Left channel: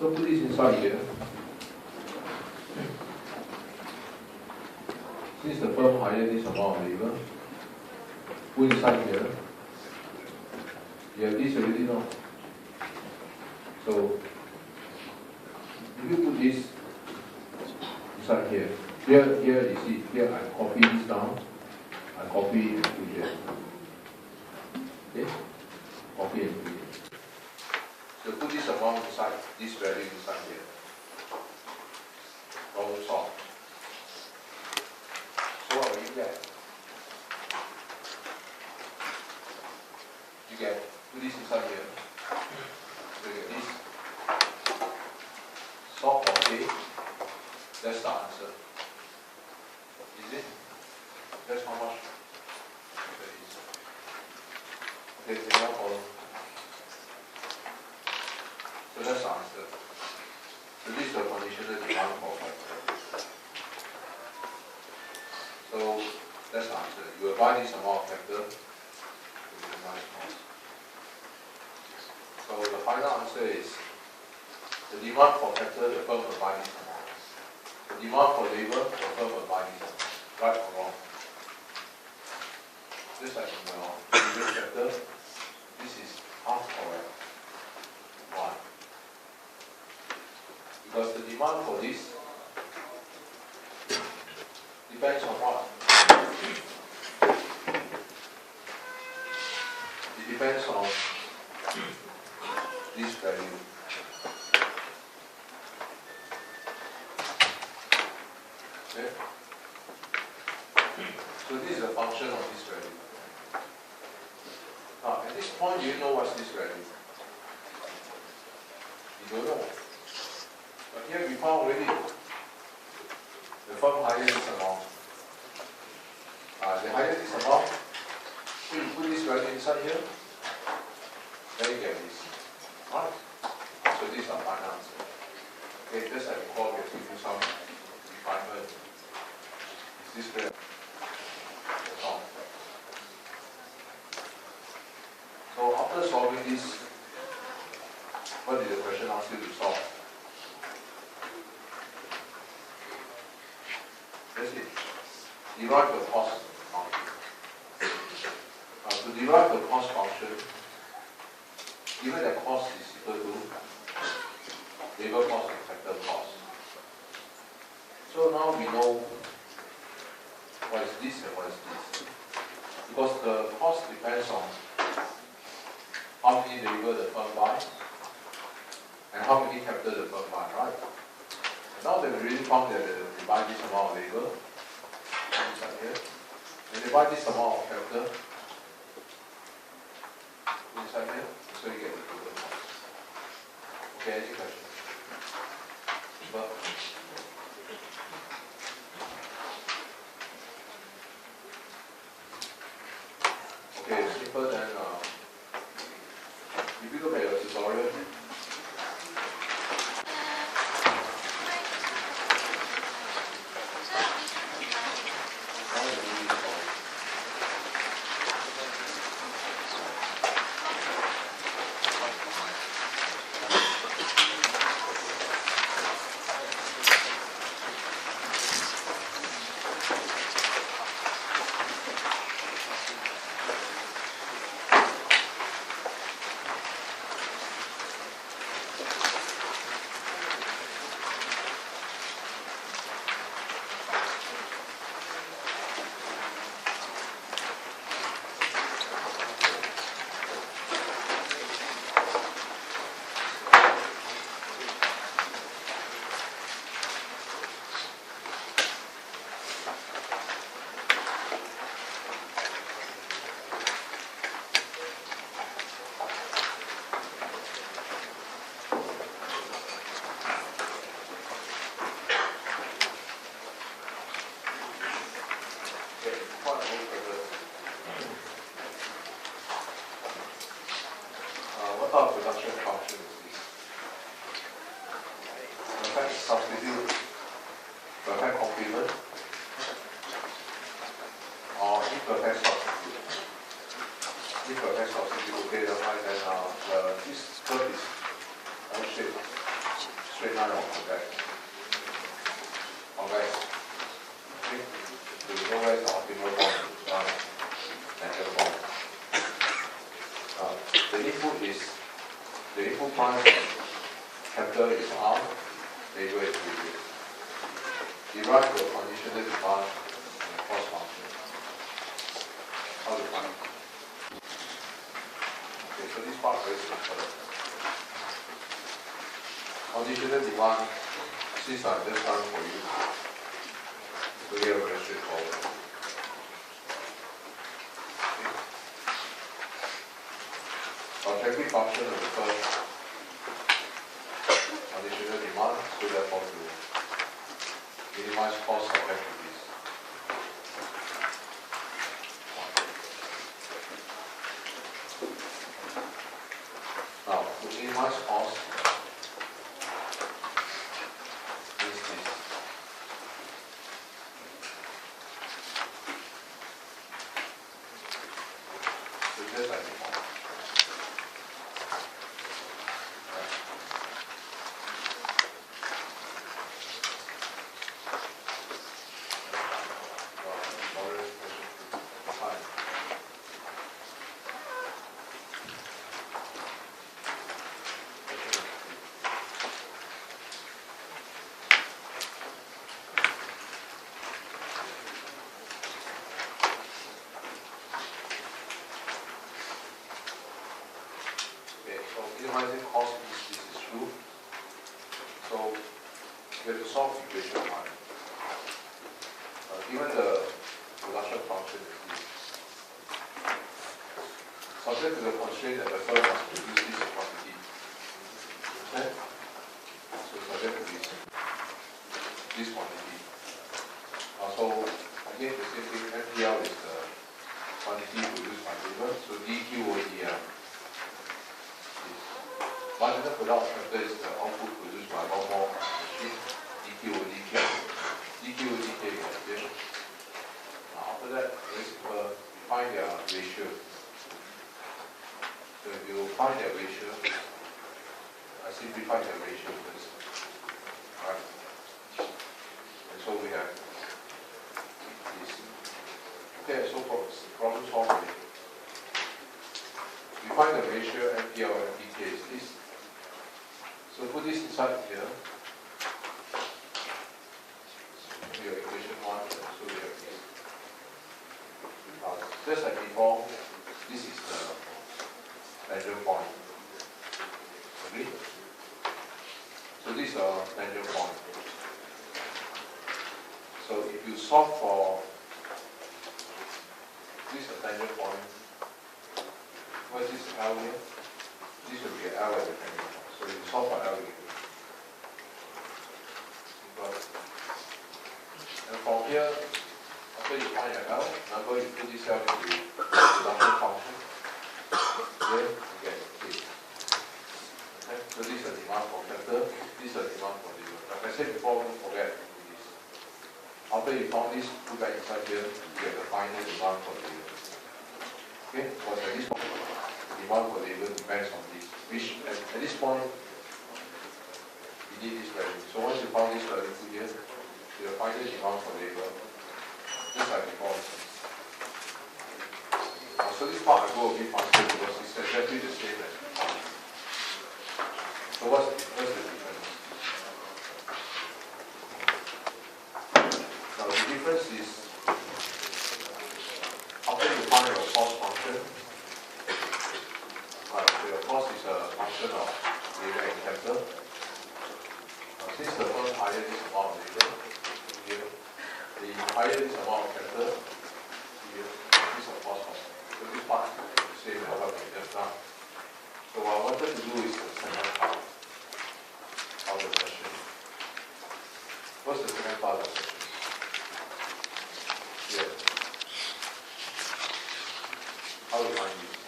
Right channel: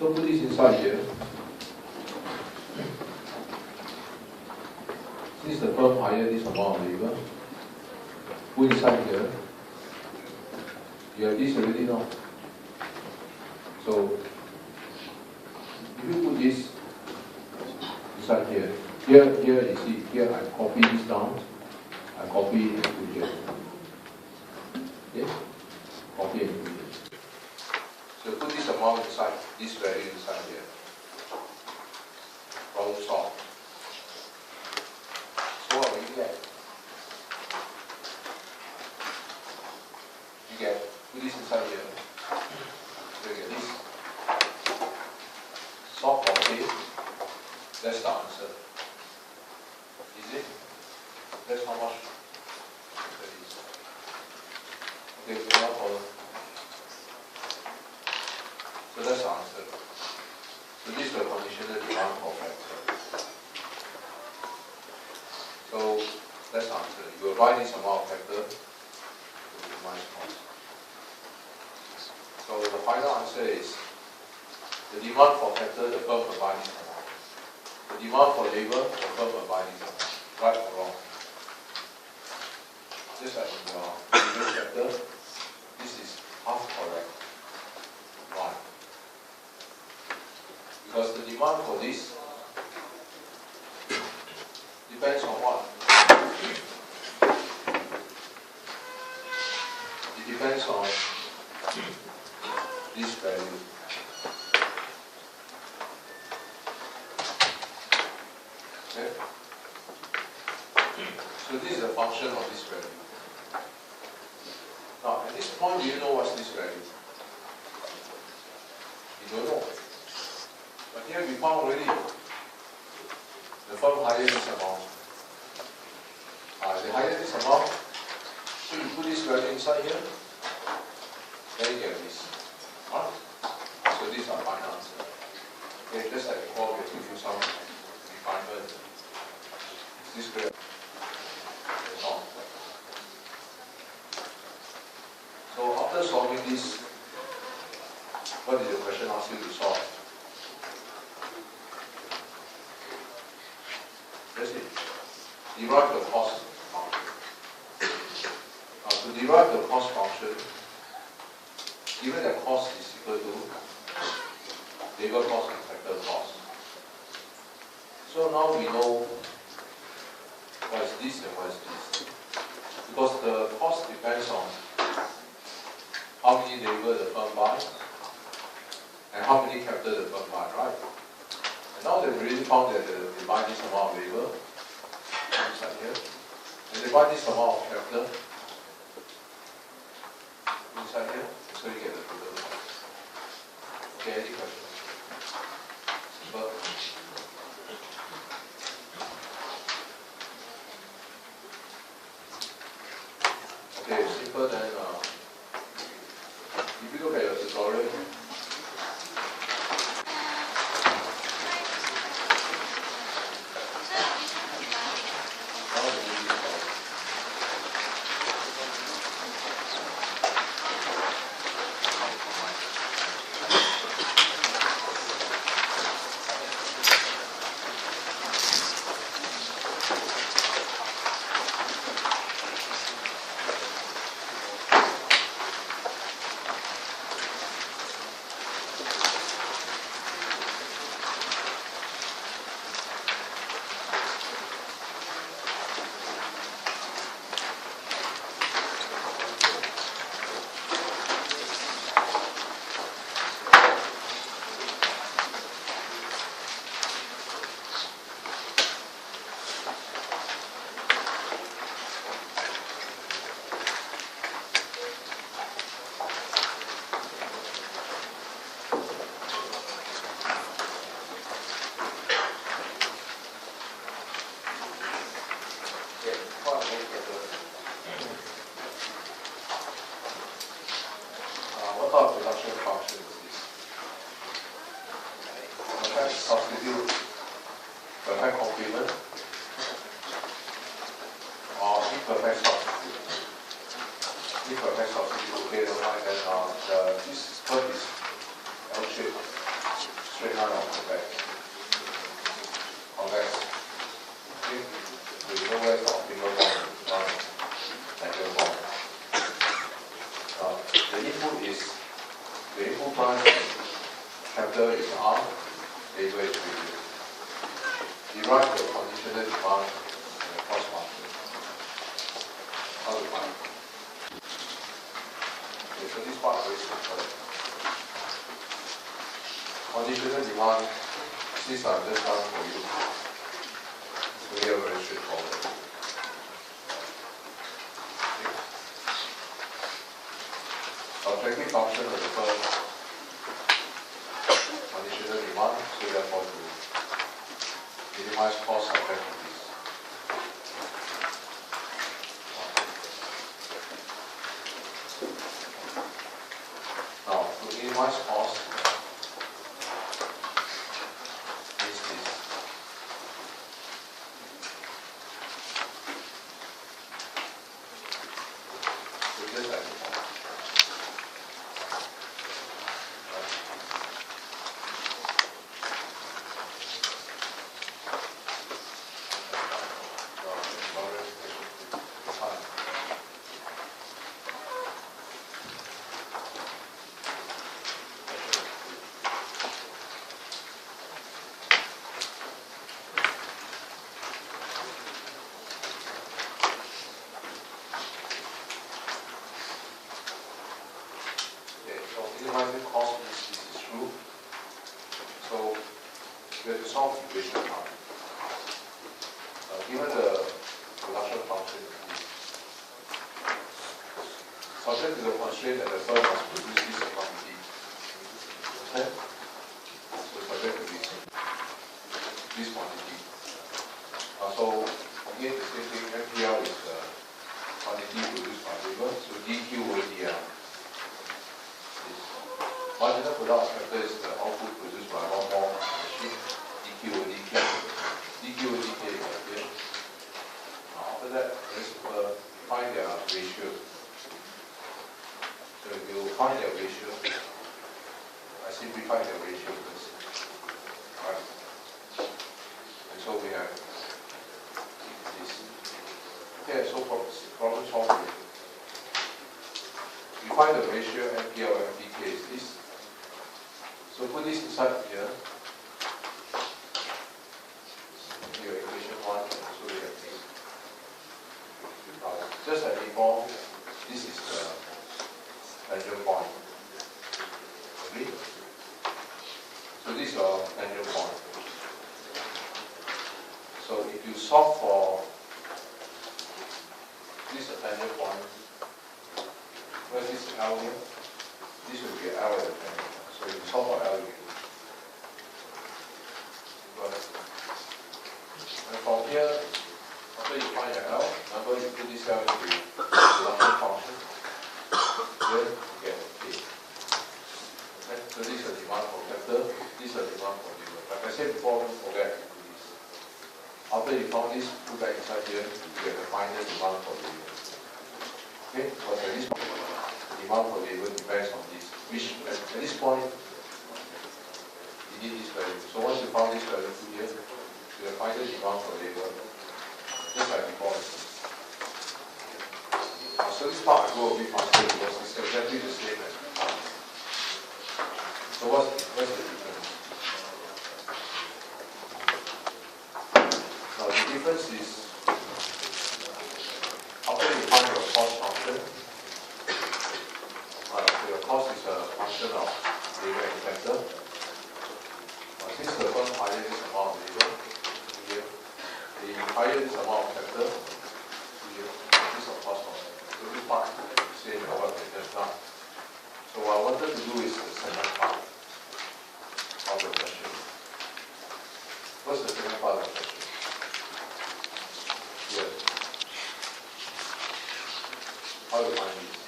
So put this inside here. Since the firm hired this amount of labor, put inside here. You have this already now. So if you put this inside here, here you see, here I copy this down, I copy and put here. Okay? Copy and put here. So put this amount inside, this value inside here. Problem solved. So what will you get? You get, put this inside here. So you get this. Solve for K. That's the answer. Easy? That's how much that is. Okay, so now follow. So that's the answer. So this is the conditional demand for factor. So that's the answer. You will buy this amount of factor to minus cost. So the final answer is the demand for factor, the firm will buy this amount. The demand for labor, the firm will buy this amount. Right or wrong? Just like in the previous chapter, this is half correct. Why? Because the demand for this depends on what? It depends on this value. Okay? So this is a function of this value. Now, at this point, do you know what's this value? You don't know. But here we found already the firm hired this amount. They hired this amount. So you put this value inside here, then you get this. Alright? So these are final answer. Okay, just like before, we have to do some refinement. Is this clear? That's all. So after solving this, what did the question ask you to solve? That's it. Derive the cost function. Now to derive the cost function, given that cost is equal to labor cost and factor cost. So now we know what is this and what is this. Because the cost depends on how many labor the firm buys and how many capital the firm buys, right? And now that we really found that they buy this amount of labor, inside here, and they buy this amount of capital inside here, so you get the total cost. Okay, any questions? But okay, simple then. If you look at your tutorial, what type of production function is this? Perfect substitute, perfect complement, or imperfect substitute. Imperfect substitute, okay, then this curve is L-shaped. straight line or convex? Convex. Okay? So you know where is the optimal point? Tangent point. The input branch capital is R, label is radius. Derive the conditional demand and the cost function. How to find it? Okay, so this part very simple. Conditional demand, since I'm just done for you, so here very straightforward. Okay. Objective function of the first conditional demand, so therefore to minimize cost subject to this. Now, to minimize cost means this. So just like before. Right. Okay, so minimizing cost means this is true. So we have to solve equation 1. Given the production function is this, subject to the constraint that the firm must produce this quantity. Okay? So subject to this quantity. So again the same thing, MPL is the quantity produced by labor, so DQ over DL. Marginal product factor is the output produced by one more machine, DQ over DK. DQ over DK is here. After that, find their ratio. So if you find their ratio, I simplify the ratio first. Right? And so we have this. Okay, so problem solved. We find the ratio MPL and MPK is this. So put this inside here. Here, equation 1, so we have this. Just like before, this is the tangent point. Okay? So this is your tangent point. So if you solve for this tangent point, where is this L here? This will be L at the tangent point. So if you solve for L, you and from here, after you find your L number, you put this cell into production function, then you get K. Okay? So this is the demand for capital, this is the demand for labor. Like I said before, don't forget to do this. After you found this, put that inside here, you get the final demand for labor. Okay? Because at this point, the demand for labor depends on this. Which at this point, you need this value. So once you found this value to here, you will find the demand for labor, just like before. So this part I go a bit faster because it's exactly the same as before. So what's the difference? Now the difference is, after you find your cost function, right, so your cost is a function of labor and capital. Since the firm higher this amount of labor, here, the higher this amount of capital, here, this of cost function. So this part is the same as what we just done. So what I wanted to do is the second part of the question. What's the second part of the question? Here. How to find it?